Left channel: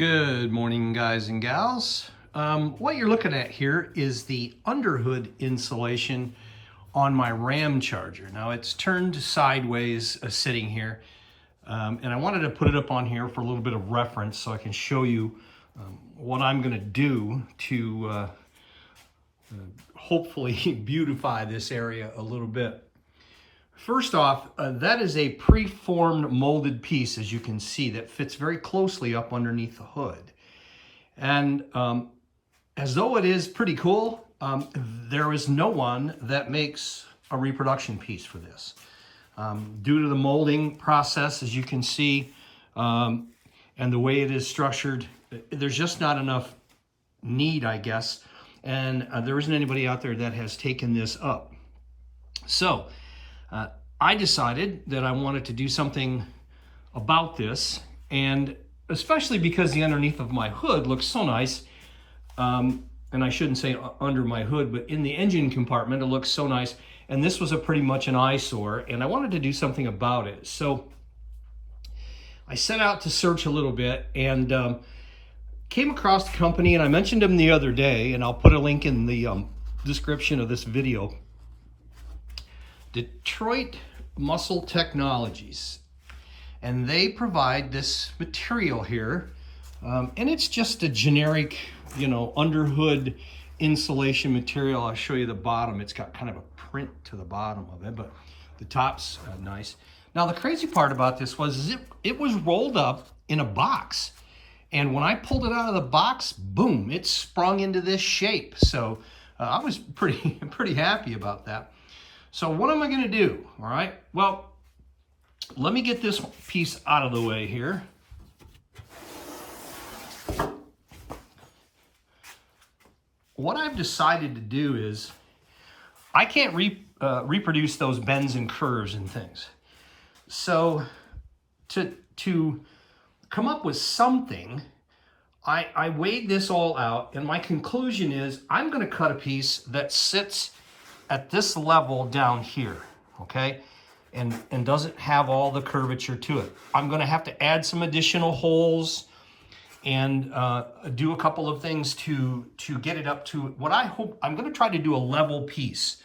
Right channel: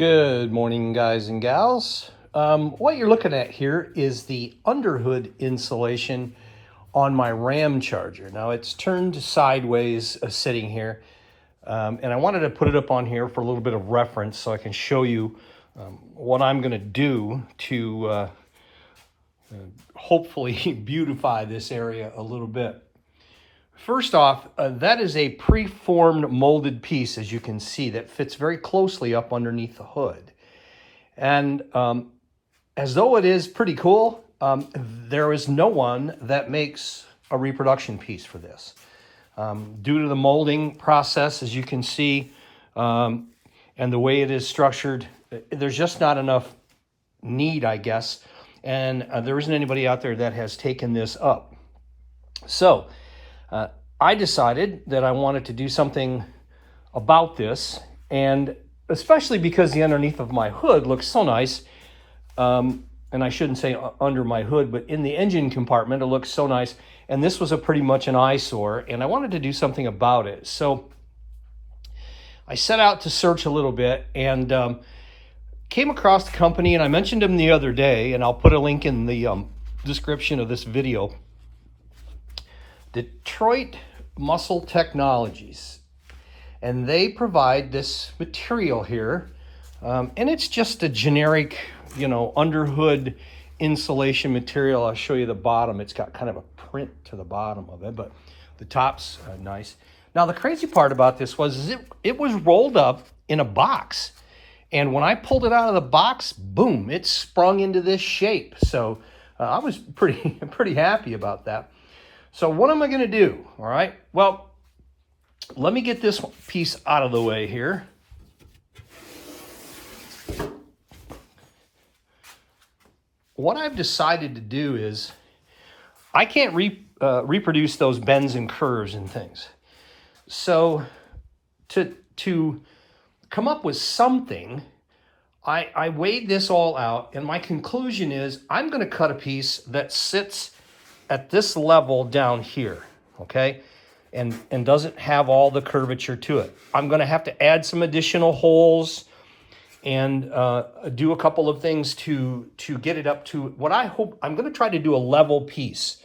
Good morning, guys and gals. What you're looking at here is the underhood insulation on my RAM charger. Now it's turned sideways sitting here, and I wanted to put it up on here for a little bit of reference so I can show you what I'm going to do to hopefully beautify this area a little bit. First off, that is a preformed molded piece, as you can see, that fits very closely up underneath the hood. And as though it is pretty cool, there is no one that makes a reproduction piece for this. Due to the molding process, as you can see, and the way it is structured, there's just not enough need, I guess. And there isn't anybody out there that has taken this up. So, I decided that I wanted to do something about this, and especially because the underneath of my hood looks so nice, and I shouldn't say under my hood, but in the engine compartment, it looks so nice, and this was pretty much an eyesore, and I wanted to do something about it. So I set out to search a little bit, and came across the company, and I mentioned them the other day, and I'll put a link in the description of this video. Detroit Muscle Technologies, and they provide this material here, and it's just a generic, underhood insulation material. I'll show you the bottom. It's got kind of a print to the bottom of it, but the top's nice. Now the crazy part about this was it was rolled up in a box, and when I pulled it out of the box, boom, it sprung into this shape. So I was pretty happy about that. So what am I going to do? All right. Well, let me get this piece out of the way here. What I've decided to do is I can't reproduce those bends and curves and things. So to come up with something, I weighed this all out, and my conclusion is I'm going to cut a piece that sits at this level down here, okay, and doesn't have all the curvature to it. I'm going to have to add some additional holes and do a couple of things to get it up to what I hope. I'm going to try to do a level piece.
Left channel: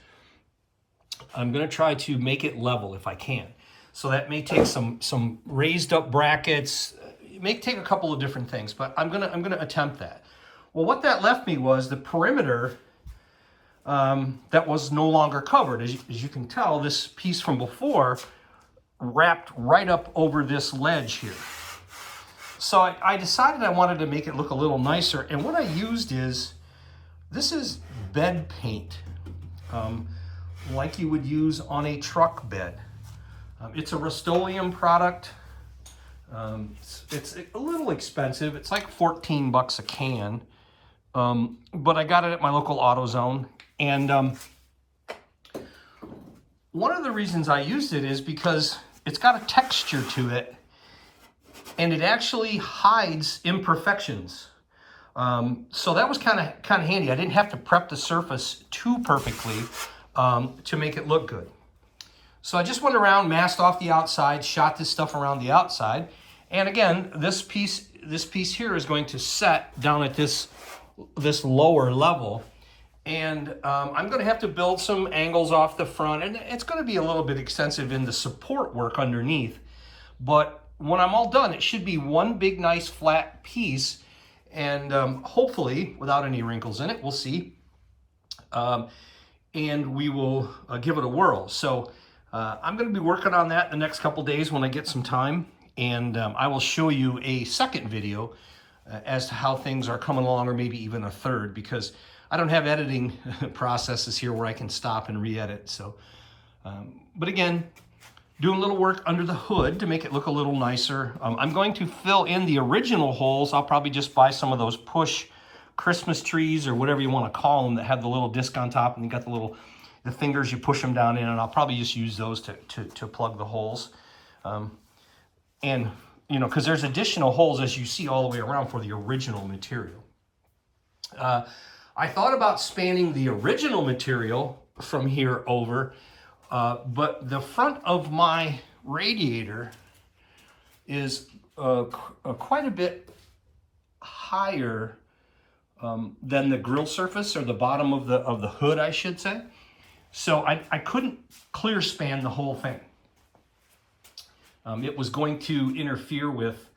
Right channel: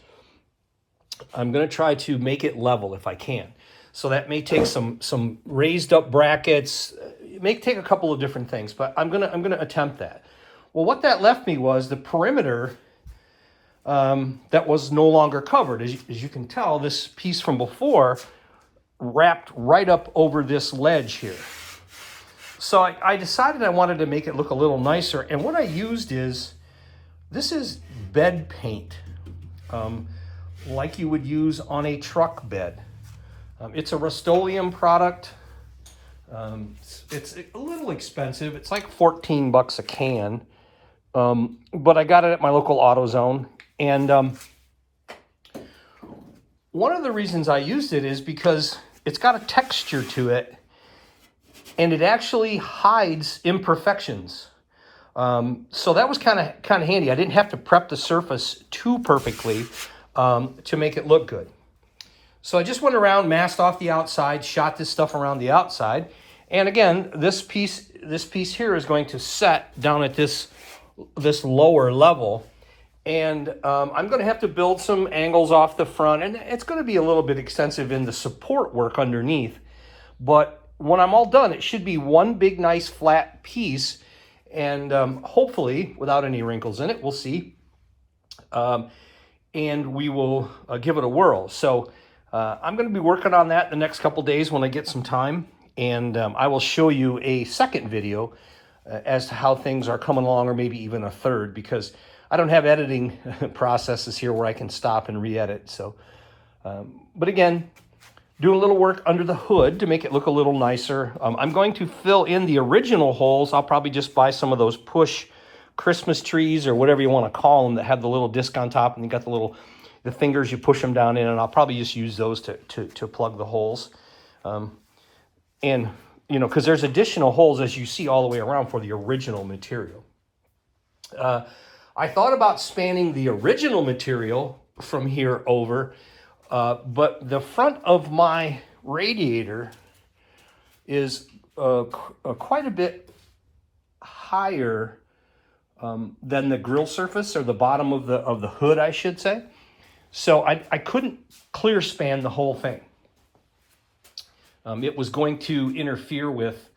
I'm going to try to make it level if I can. So that may take some raised up brackets. It may take a couple of different things, but I'm gonna attempt that. Well, what that left me was the perimeter that was no longer covered. As you can tell, this piece from before wrapped right up over this ledge here. So I decided I wanted to make it look a little nicer, and what I used this is bed paint, like you would use on a truck bed. It's a Rust-Oleum product. It's a little expensive. It's like 14 bucks a can, but I got it at my local AutoZone. And one of the reasons I used it is because it's got a texture to it, and it actually hides imperfections. So that was kind of handy. I didn't have to prep the surface too perfectly to make it look good. So I just went around, masked off the outside, shot this stuff around the outside, and again, this piece here is going to set down at this lower level. And I'm going to have to build some angles off the front, and it's going to be a little bit extensive in the support work underneath. But when I'm all done, it should be one big, nice, flat piece, and hopefully without any wrinkles in it. We'll see. And we will give it a whirl. So I'm going to be working on that the next couple days when I get some time, and I will show you a second video as to how things are coming along, or maybe even a third, because I don't have editing processes here where I can stop and re-edit. So, but again, doing a little work under the hood to make it look a little nicer. I'm going to fill in the original holes. I'll probably just buy some of those push Christmas trees or whatever you want to call them that have the little disc on top, and you got the fingers you push them down in, and I'll probably just use those to plug the holes. And because there's additional holes, as you see, all the way around for the original material. I thought about spanning the original material from here over, but the front of my radiator is quite a bit higher than the grill surface, or the bottom of the hood, I should say. So I couldn't clear span the whole thing. It was going to interfere with,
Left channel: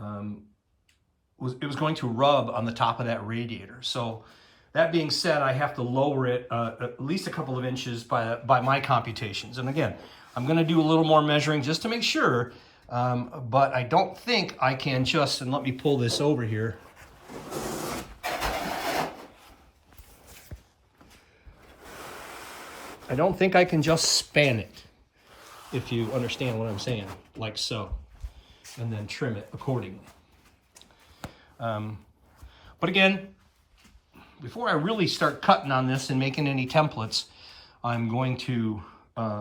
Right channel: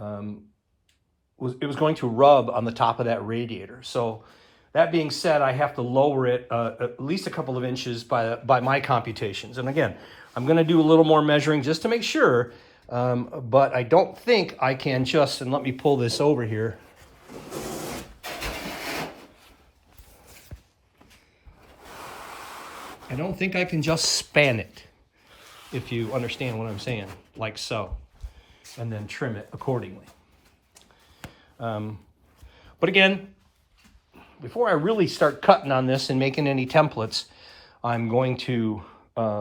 it was going to rub on the top of that radiator. So that being said, I have to lower it at least a couple of inches by my computations. And again, I'm going to do a little more measuring just to make sure, but I don't think I can just, and let me pull this over here. I don't think I can just span it, if you understand what I'm saying, like so, and then trim it accordingly. But again, before I really start cutting on this and making any templates, I'm going to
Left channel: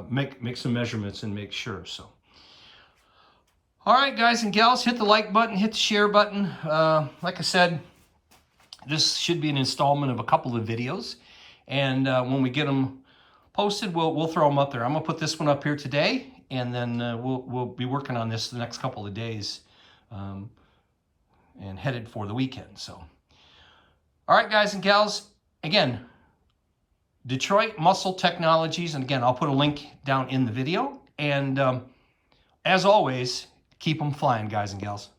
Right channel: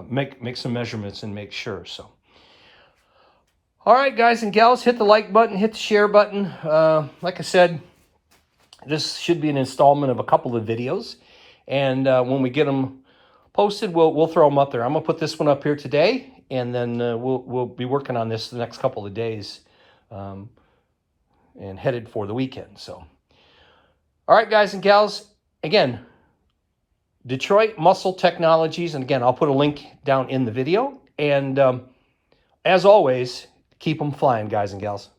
make some measurements and make sure. So, all right, guys and gals, hit the like button, hit the share button. Like I said, this should be an installment of a couple of videos, and when we get them posted, we'll throw them up there. I'm gonna put this one up here today, and then we'll be working on this the next couple of days, and headed for the weekend. So, all right, guys and gals, again, Detroit Muscle Technologies, and again, I'll put a link down in the video. And as always, keep them flying, guys and gals.